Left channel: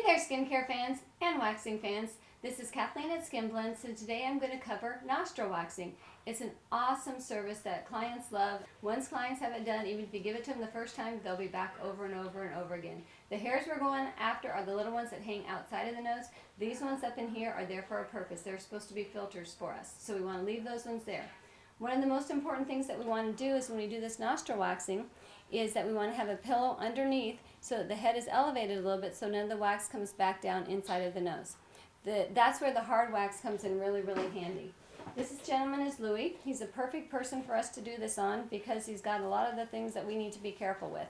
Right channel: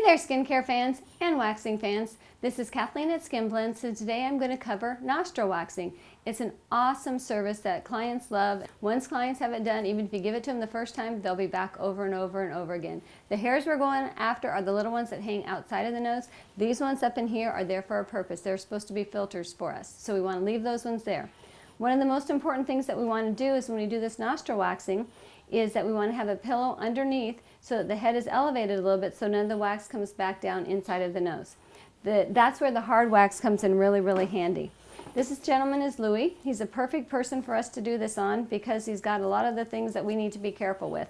Hey there, skincare fans and waxing fans. This is Kathleen at Skin Blends, so today I'm going to cover nostril waxing. It's an awesome service that clients love. Once clients have it done, even if you give it to them the first time, they'll be back over and over and over again. The hairs we're going after are the little ones that hang outside of the nose. These ones up in here are there for a purpose. They're supposed to be filters for us, so we want to leave those ones there. One of the most important things that we want to do is when we do this nostril waxing is that we want to have a pillow underneath so that the head is elevated a little bit so none of the wax comes back down inside of the nose. That's where the hard wax comes in really, really handy. This gentleman is Louis. He's a perfect person for us to do this on because he's got a lot of the things that we need to be careful with,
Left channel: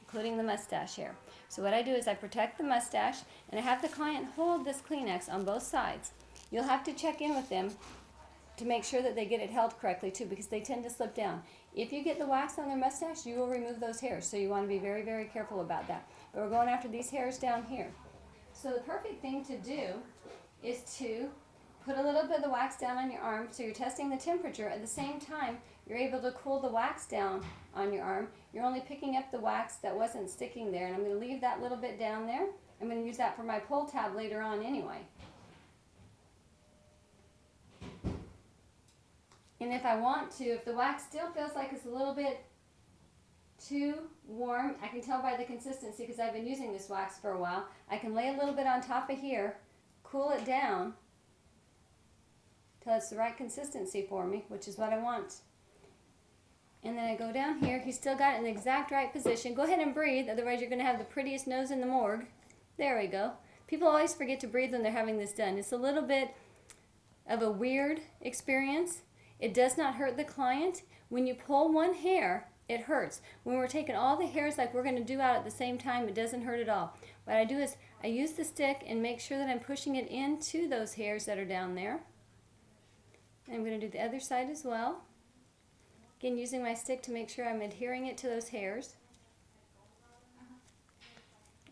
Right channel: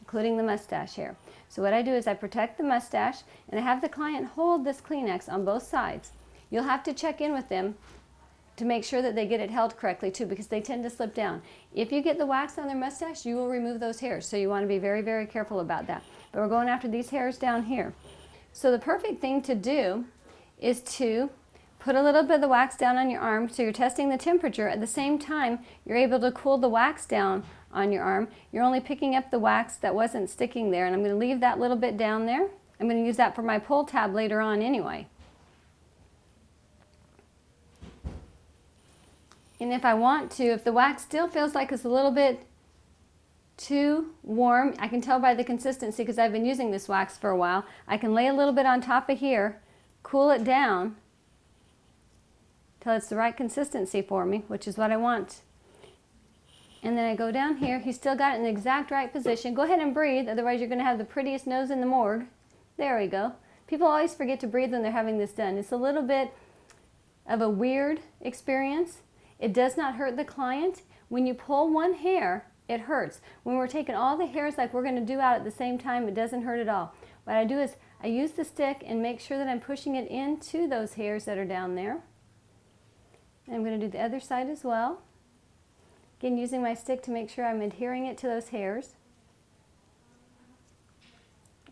including the mustache hair. So what I do is I protect the mustache and I have the client hold this Kleenex on both sides. You'll have to check in with them to make sure that they get it held correctly too, because they tend to slip down. If you get the wax on their mustache, you will remove those hairs, so you want to be very, very careful about that. But we're going after these hairs down here. So the perfect thing to do is to put a little bit of the wax down on your arm so you're testing the temperature. At the same time, you're able to cool the wax down on your arm. You're only picking up the wax that wasn't sticking there, and I'm going to leave that little bit down there. I'm going to use that for my pull tab later on anyway. And if I want to, if the wax still feels like it's a little bit too warm, I can tell by the consistency because I've been using this wax for a while. I can lay a little bit on top of here, cool it down till it's the right consistency for me, which is what I want. And then I go down here. He's still got it in the exact right position. Go ahead and breathe, otherwise you're going to have the prettiest nose in the morgue. There we go. People always forget to breathe when they're having this done. It's a little bit of a weird experience. It does not hurt the client. When you pull one hair, it hurts. When we're taking all the hairs like we're going to do out at the same time, it doesn't hurt at all. What I do is I use the stick and make sure that I'm pushing it into those hairs that are down there. And I'm going to do the other side as well. Again, using my stick to make sure I'm adhering it to those hairs.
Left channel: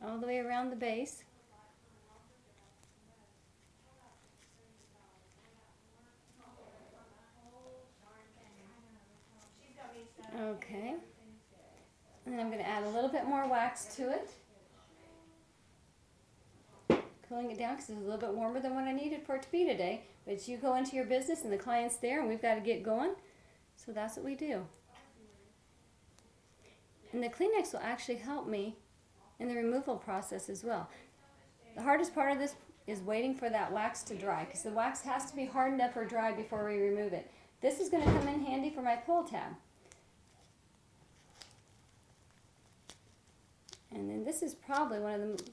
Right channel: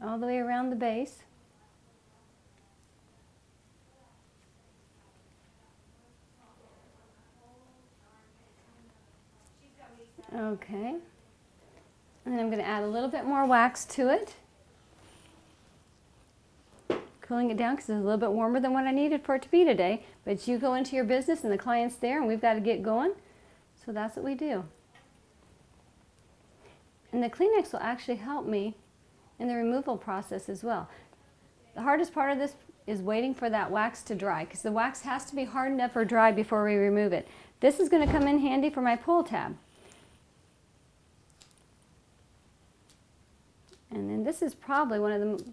All the way around the base. Okay, and then I'm going to add a little bit more wax to it, cooling it down because it's a little bit warmer than what I needed for it to be today, but you go into your business and the client's there and we've got to get going, so that's what we do. And the Kleenex will actually help me in the removal process as well. The hardest part of this is waiting for that wax to dry because the wax has to be hardened up or dry before we remove it. This is going to come in handy for my pull tab. And then this is probably one of the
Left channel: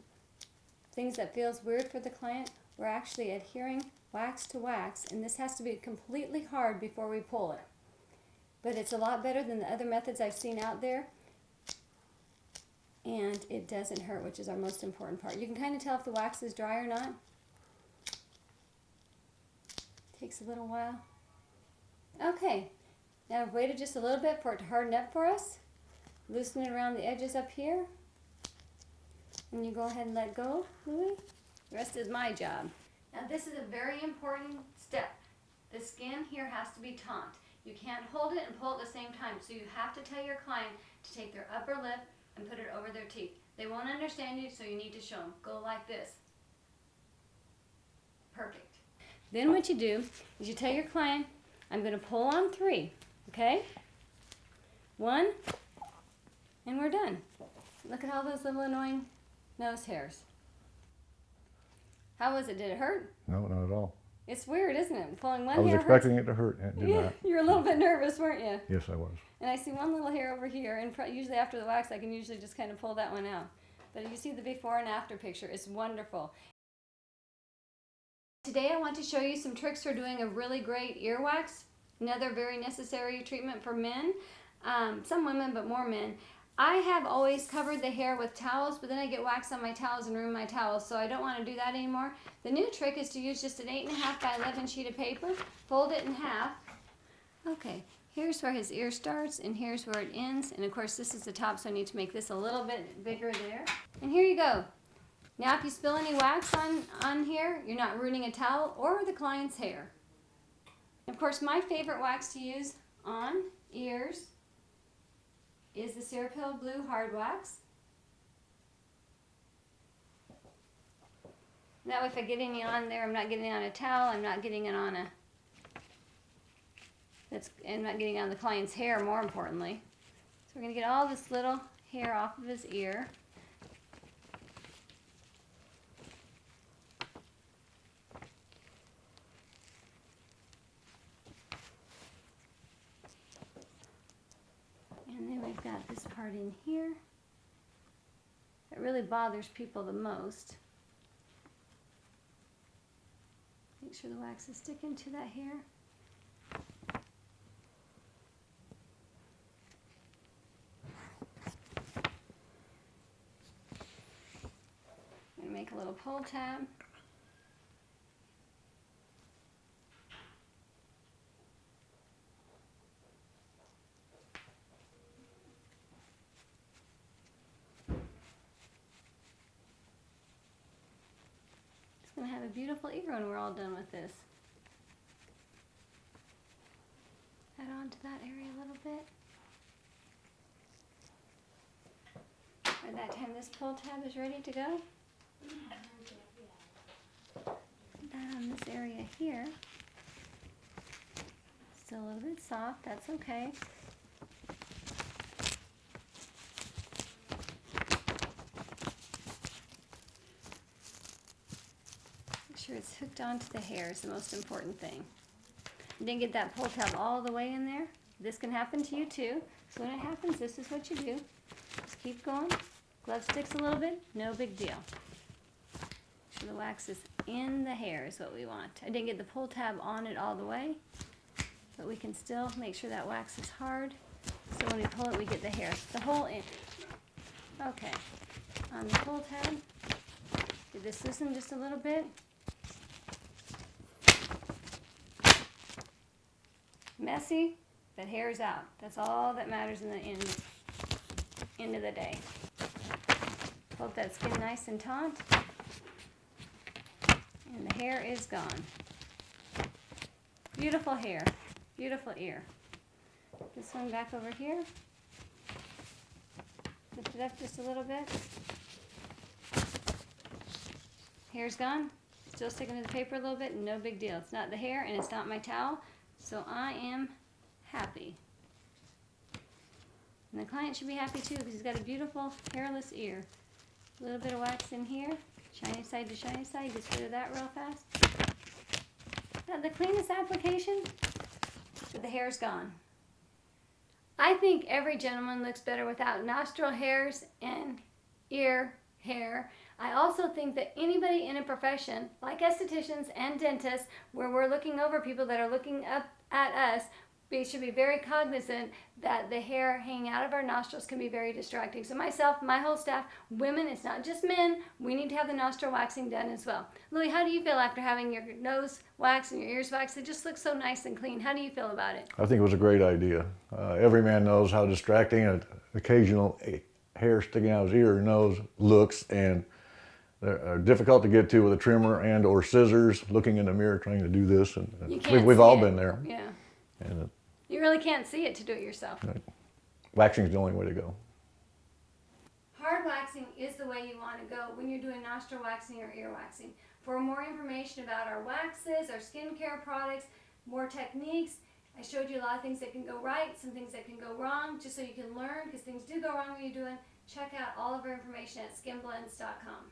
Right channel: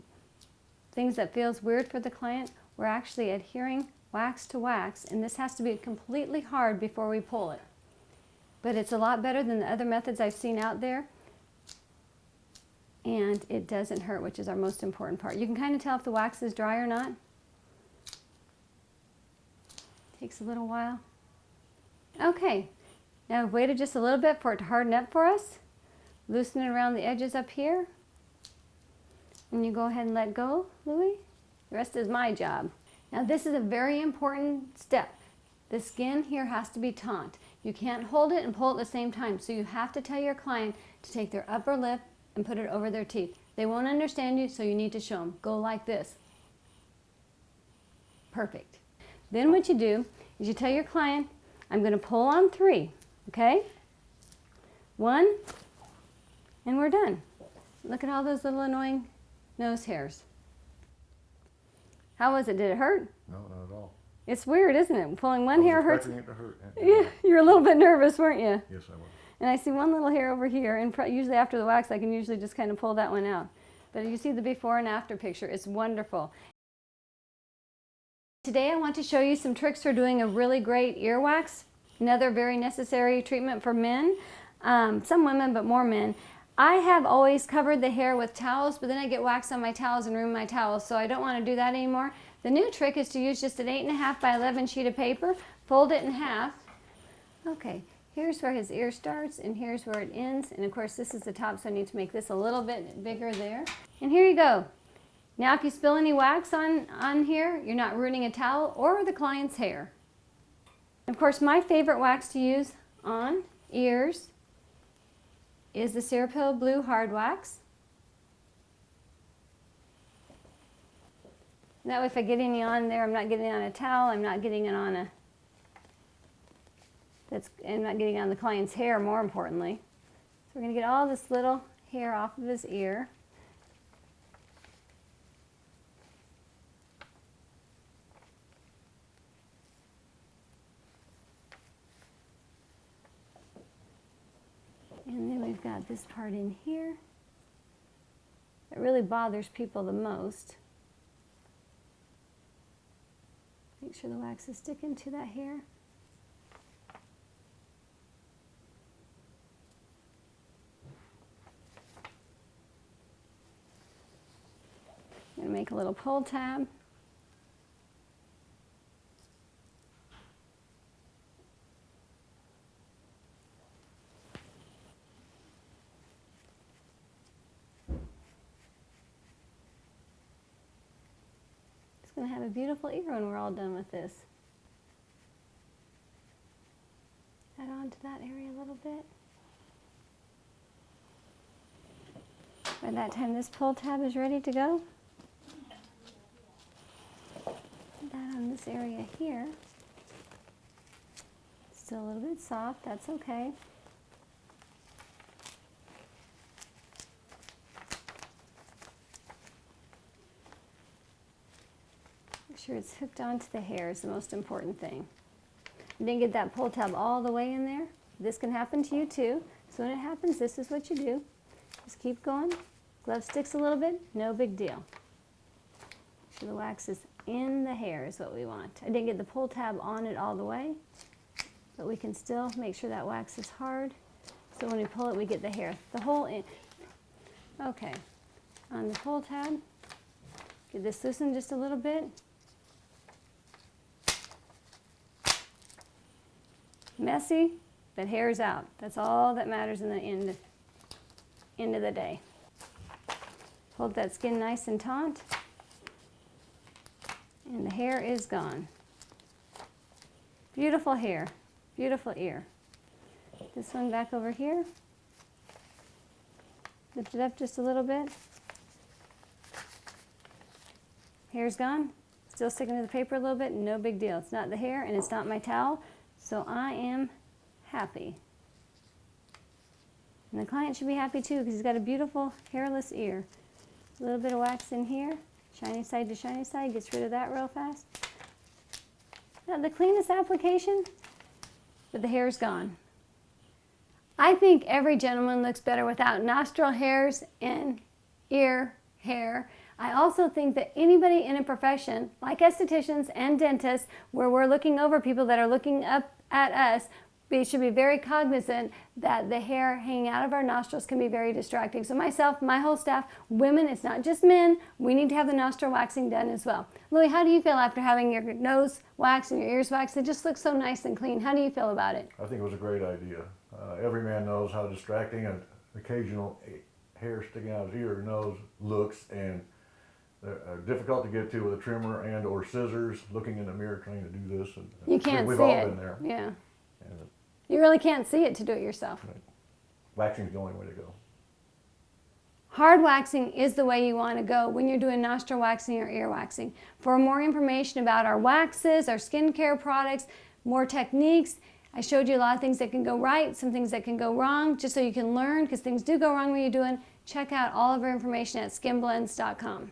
things that feels weird for the client. We're actually adhering wax to wax, and this has to be completely hard before we pull it. But it's a lot better than the other methods I've seen out there, and it doesn't hurt, which is our most important part. You can kind of tell if the wax is dry or not. Takes a little while. Okay, now I've waited just a little bit for it to harden up for us. Loosen it around the edges up here. And you go ahead and let go, Louis. The rest is my job. Now this is a very important step. The skin here has to be taut. You can't hold it and pull at the same time, so you have to tell your client to take their upper lip and put it over their teeth. They won't understand you, so you need to show them. Go like this. Perfect. Then what you do is you tell your client, I'm going to pull on 3, okay? 1, and we're done. Look at all those little annoying nose hairs. How was it? Did it hurt? No, not at all. It's weird, isn't it? Pulling one hair hurts. I was expecting it to hurt. Yeah, you were a little bit nervous, weren't you? Yes, I was. And I see one little hair over here, and usually after the wax I can usually just kind of pull that one out. But you see the before and after picture. It's wonderful. Today I want to show you some tricks for doing a really great earwax. Another very necessary treatment for men. Some women, but more men. I have always covered the hair with towels, but then I get wax on my towels and ruin my towels, so I don't want to do that anymore. The new trick is to use just an 8.5 by 11 sheet of paper, fold it in half. Okay, here's where his ear starts, and here's where it ends, and of course this is the top, so I need to make this a little bit bigger there. And here you go. Now if you spill any wax on here, you're not ruining a towel or the client's hair. Of course, my favorite wax to use on ears is the Cirepil Blue Hard Wax. That way if I get any on there, I'm not getting it on a towel, I'm not getting it on I'm not getting it on the client's hair, more importantly. So we're going to get all this little hair off of his ear. And then we've got this part in here. It really bothers people the most. Make sure the wax is sticking to that hair. I'm going to make a little pull tab. It's going to have a beautiful ear when we're all done with this. Add on to that area a little bit. By that time this pull tab is ready to go, put that on this area here. Still a little bit soft, that's okay. Make sure it's hooked onto the hair is the most important thing. I didn't get that pull tab all the way in there. This can happen to you too. So when it happens, this is what you do. Just keep going. Glove sticks a little bit, no big deal. So the wax is in the hair is what we want. I didn't get the pull tab on it all the way, but we can still make sure that wax is hard. So when we pull it, we get the hair. The whole in. Okay, on the pull tab, did this loosen just a little bit. Messy, but hair's out. That's all that matters in the end of the day. Hold that skin nice and taut, and the hair is gone. Beautiful hair, beautiful ear. This one back over here. Lift it up just a little bit. Hair's gone. Still sticking to the paper a little bit, no big deal. It's not the hair and it's not my towel, so I am happy. And the client should be happy too because he's got a beautiful hairless ear. A little bit of wax in here, shiny side to shiny side, gets rid of that real fast. Not the cleanest application, but the hair's gone. I think every gentleman looks better without nostril hairs and ear hair. I also think that anybody in a profession, like estheticians and dentists, where we're looking over people that are looking up at us, we should be very cognizant that the hair hanging out of our nostrils can be very distracting. So myself, my whole staff, women, it's not just men, we need to have the nostril waxing done as well. Lily, how do you feel after having your nose waxed and your ears waxed? It just looks so nice and clean. How do you feel about it? I think it was a great idea. Every man knows how distracting an occasional hair sticking out of his ear or nose looks, and they're difficult to get to with a trimmer and or scissors, looking in the mirror trying to do this. And you can't we've see all it. Been there. Yeah. And you really can't see it to do it yourself. waxing is the only way to go. Hard waxing is the way you want to go when you're doing nostril waxing or ear waxing. For more information about our waxes, our skincare products, more techniques, I showed you a lot of things that can go right, some things that can go wrong, just so you can learn, because things do go wrong when you're doing. Check out all of our information at skinblends.com.